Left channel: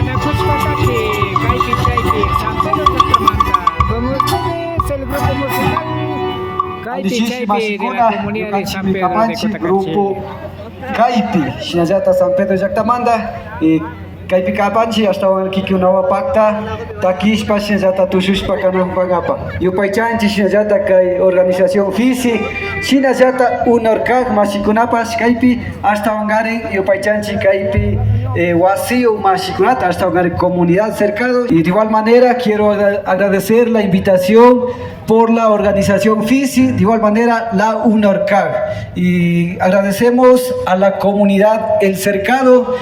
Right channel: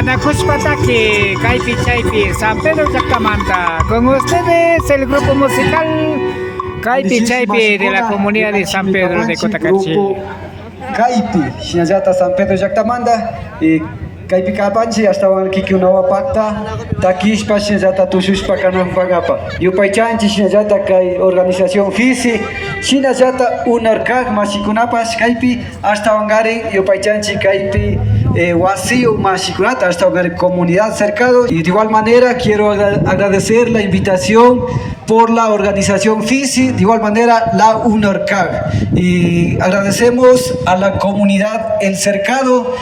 Anacuspataki, Caipi Chaipi, San Pedro Chacamanta. Con ustedes el grupo musical Caipi Chaipi de la comunidad de San Pedro de Cotacachi. Grupo Caipi, Shinajata San Pedro Chacamanda. Caipi Capanchi, hasta aquí que una pacta, Takishpa, Shinajata Tushushpa, Canapagapa. Yupaychanchi, Shinajata, Kai Organización Fisi, Shinajata, Unorkak, Mashikunapas, Caipi, hasta Wangari, Yupaychanchi, Caipi. Vacío Mashikunat, hasta una comunidad cercana. Y de igual manera quiero agradecer la invitación por la organización FISI, de igual manera la UNORCAG. Y agradecemos a la comunidad El Cercado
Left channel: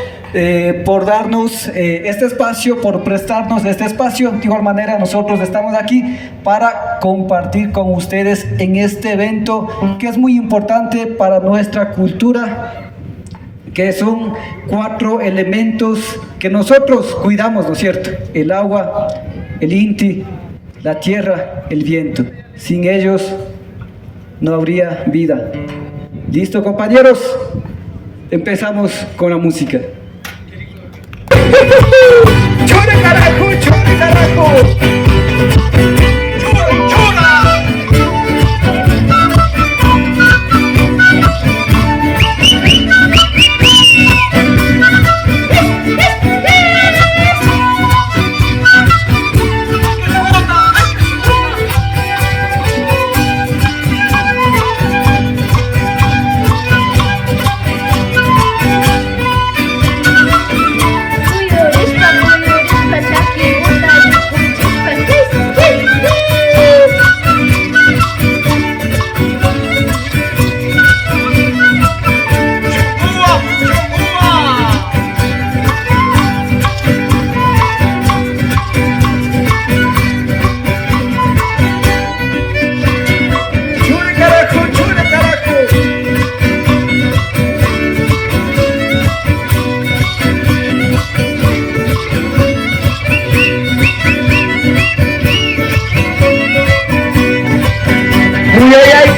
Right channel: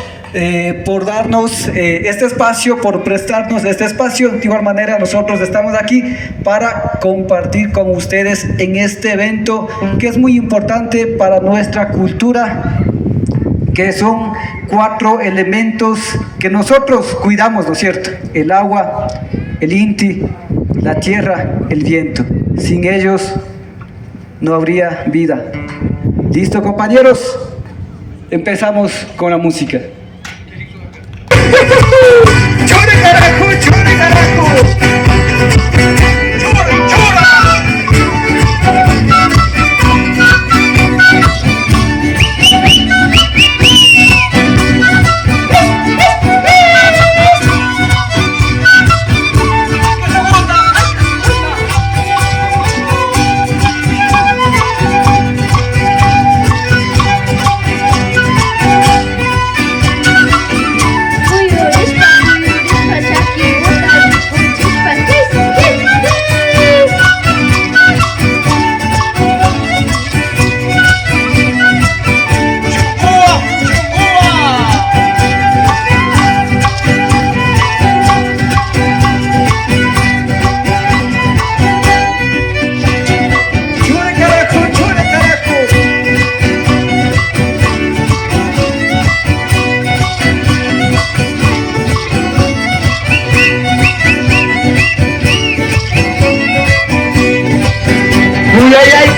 por darnos este espacio, por prestarnos este espacio. De igual manera nosotros estamos aquí para compartir con ustedes en este evento que es muy importante para nuestra cultura, que son 4 elementos que nosotros cuidamos, ¿no es cierto? El agua, el inti, la tierra, el viento. Sin ellos no habría vida. ¿Listo, compañeros? Empezamos con la música. ¡Chore carajo, chore carajo!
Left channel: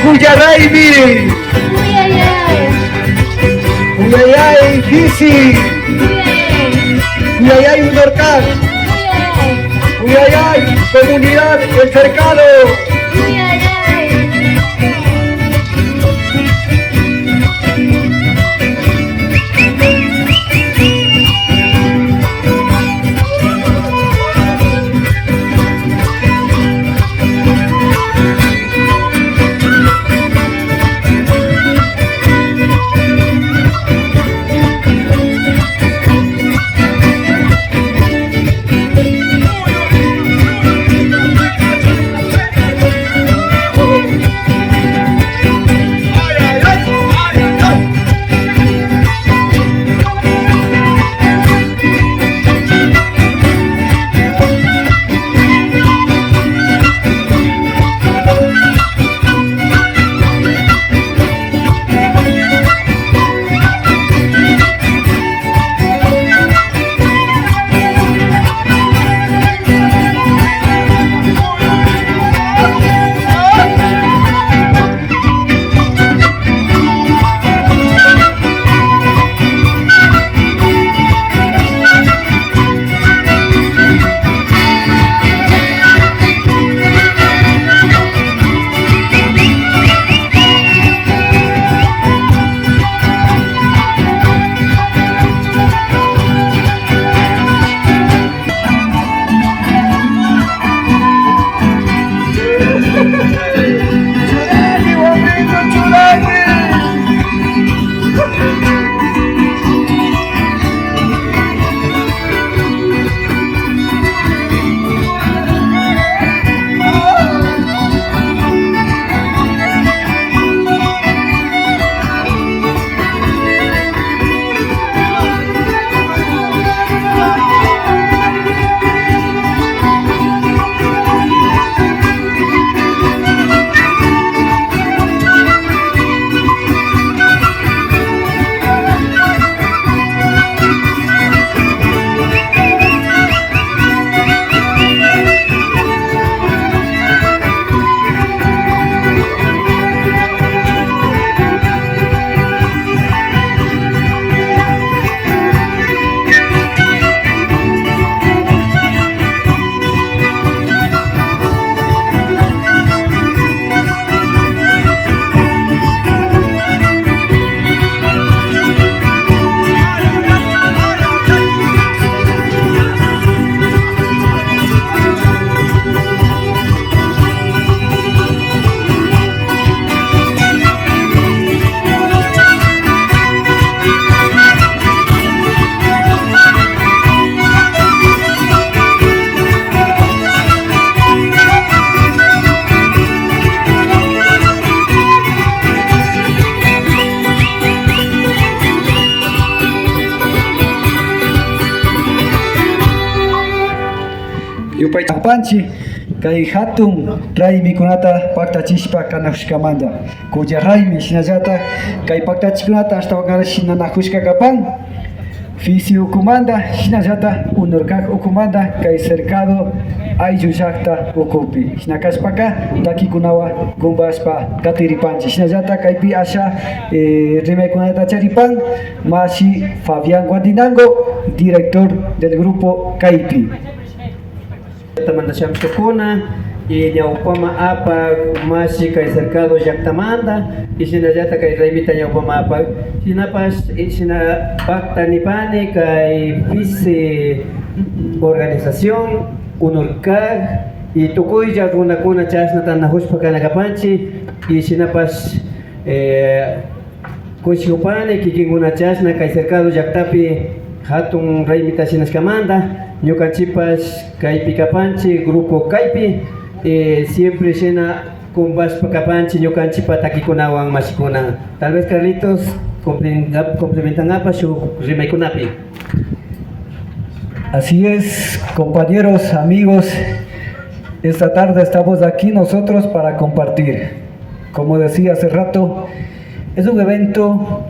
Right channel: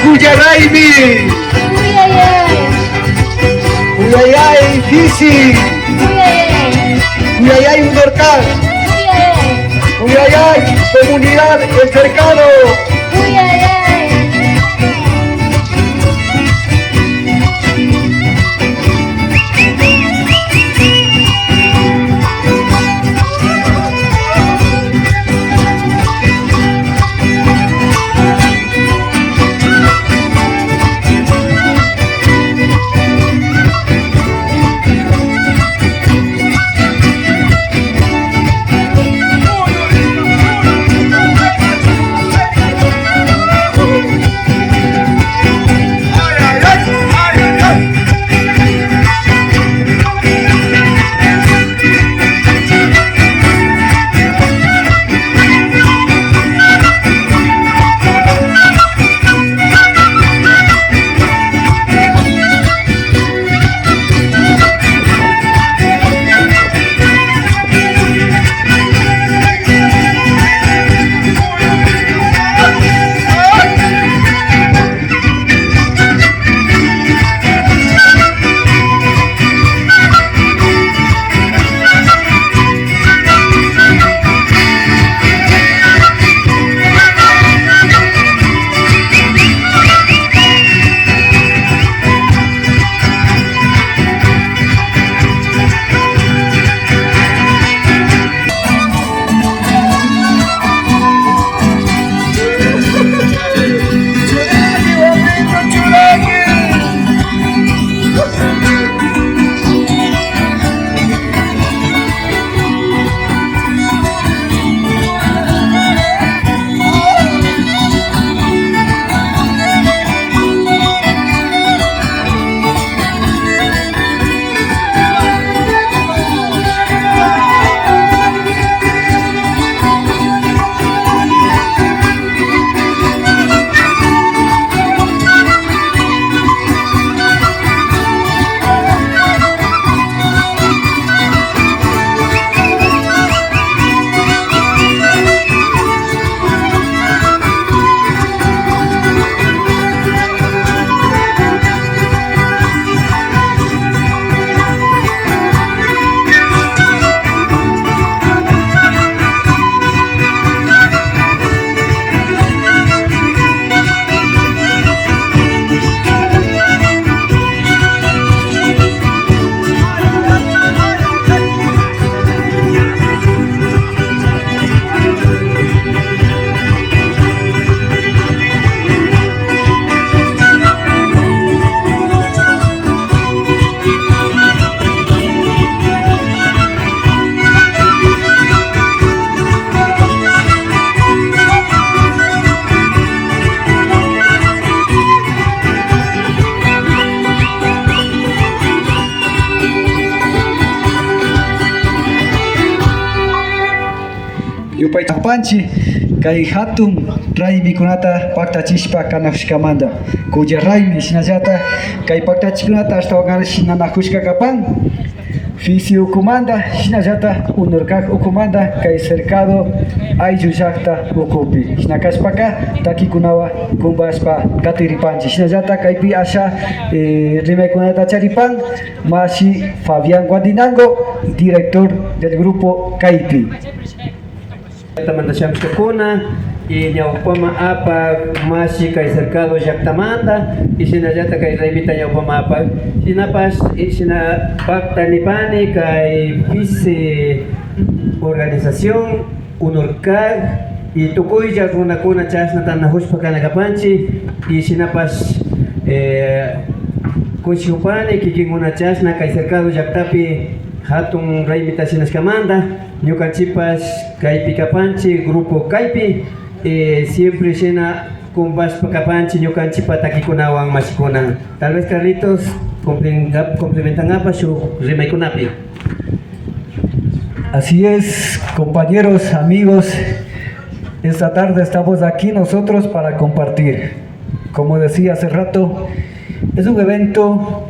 Cuyaraybi, Cuyayay, Fisi, Cuyayay, Libertad, Cuyayay, Comunidad El Cercado. Yupay Tapanchi, Kai Hatun, Ray Mikunata, Pacta Chispa, Kanahushkamanda, Kuya Raimi, Shinajata, Kai Pacta Chikunata, hasta Hogar Shinanahushka Kapan, Fisi Ukumanda, Shinajata, Unurkak Ukumanda, Kai Cercado, Ayuyakta, Ukupi, Shinakaspaka, Taki Kunawa, Gumbaspa, Katiripanchi, Shinajata, Kaipi Asha, Rimekunata Charipan, Mashi Fabián Guadinango, director del grupo Kaipi. Tamanda Shamshukuna y Yaupama Apa Mashi Kai Cercado Yaktamanda y Sinayata Kai Revita Yaupama Apa Sinapas y Sina Pacta Nipani Kai Vice Organización Unurkag y Tukuya Runakuna Chasna Tanahuspa Kanagapanchi y Sinapas Kushupani Kikinguna Chasna Kai Cercado Yaktapi Hatun Raimita Sinaskamanda Ñukanchipas Kaipi Kapanchi, Grupo Kaipi, siempre llena con Vaspa Kapanchi, Ñukanchipa Takikunawan Mashikunan. Tal vez Carlitos complementan apa su Rimaikunapi. Así es, compañeros, amigos, esta tarde estamos aquí nosotros para compartir. Como decía hace rato, es un evento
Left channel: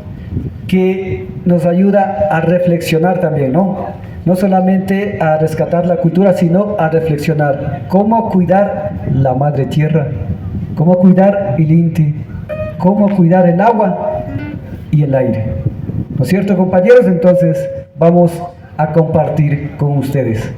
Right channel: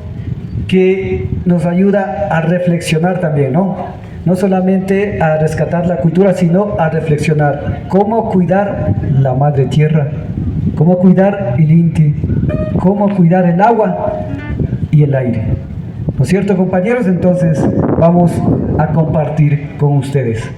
que nos ayuda a reflexionar también, ¿no? No solamente a rescatar la cultura, sino a reflexionar cómo cuidar la madre tierra, cómo cuidar el Inti, cómo cuidar el agua y el aire. ¿No es cierto, compañeros? Entonces vamos a compartir con ustedes.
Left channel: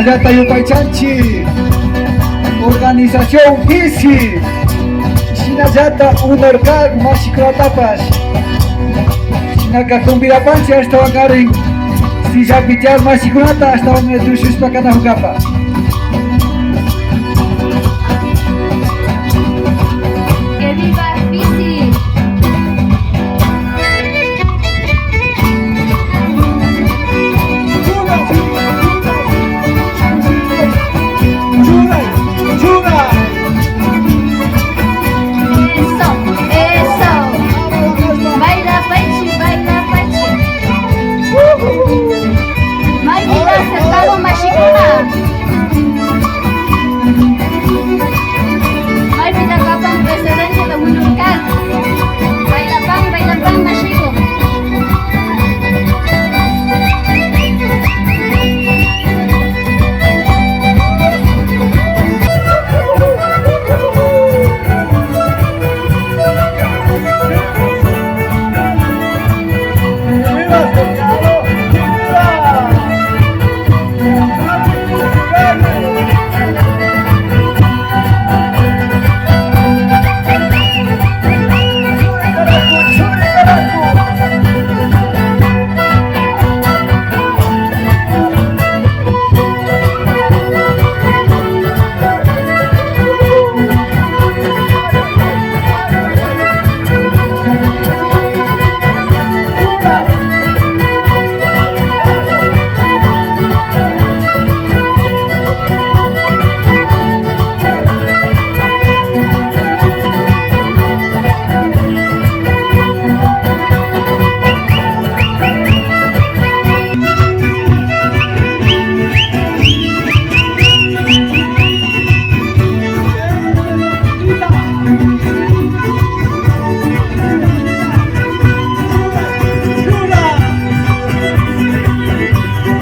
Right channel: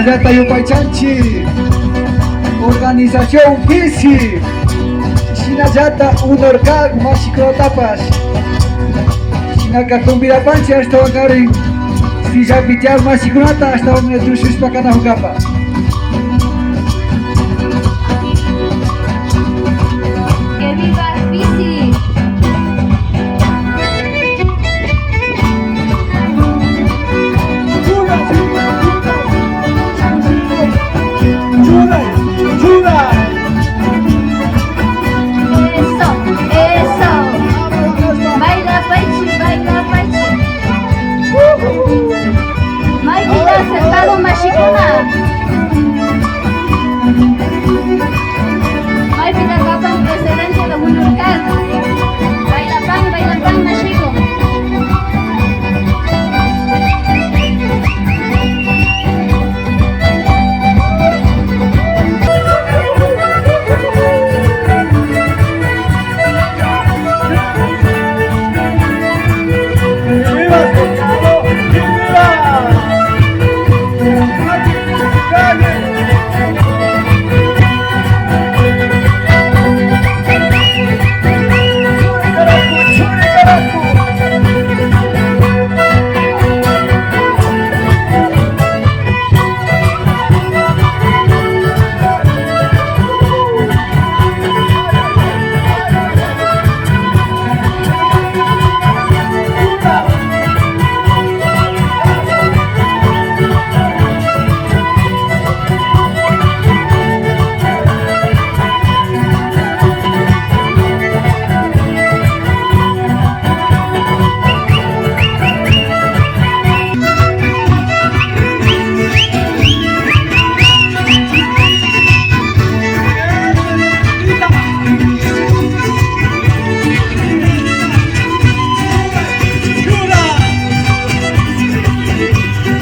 Shinayata Yupaychanchi, Organización Gisi, Shinayata Unorkag Mashikratapas, Shinaka Kumbirapanchi hasta Wakarin, Sijapichar Mashikrata hasta Wanetushus Pakana Hugapa. ¡Que viva Bici! Eso, eso. Baila Pachi, baila Pachi. Máquina acertado Mashikuna. Ay, pita kapang presidente de Munurkan. Baila pan, Mashiko.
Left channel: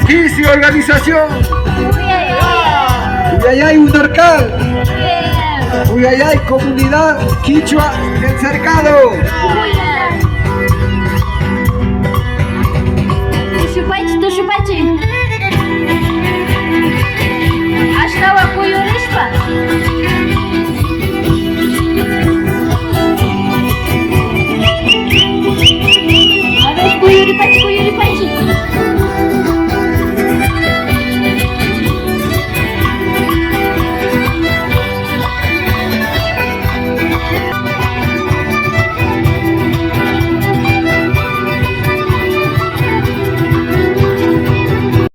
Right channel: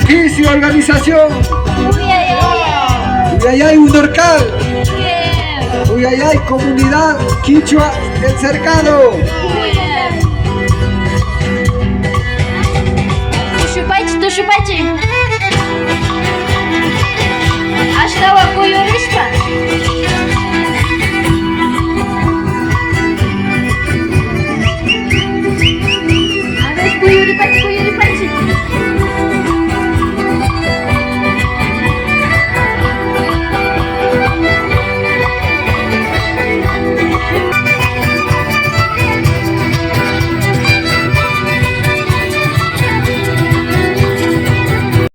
Gisi Organización, Uyayay Unorkal, Uyayay Comunidad Quichua El Cercado.